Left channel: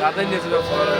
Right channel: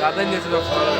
গাদাই নিয়েছে ব্যবসা করে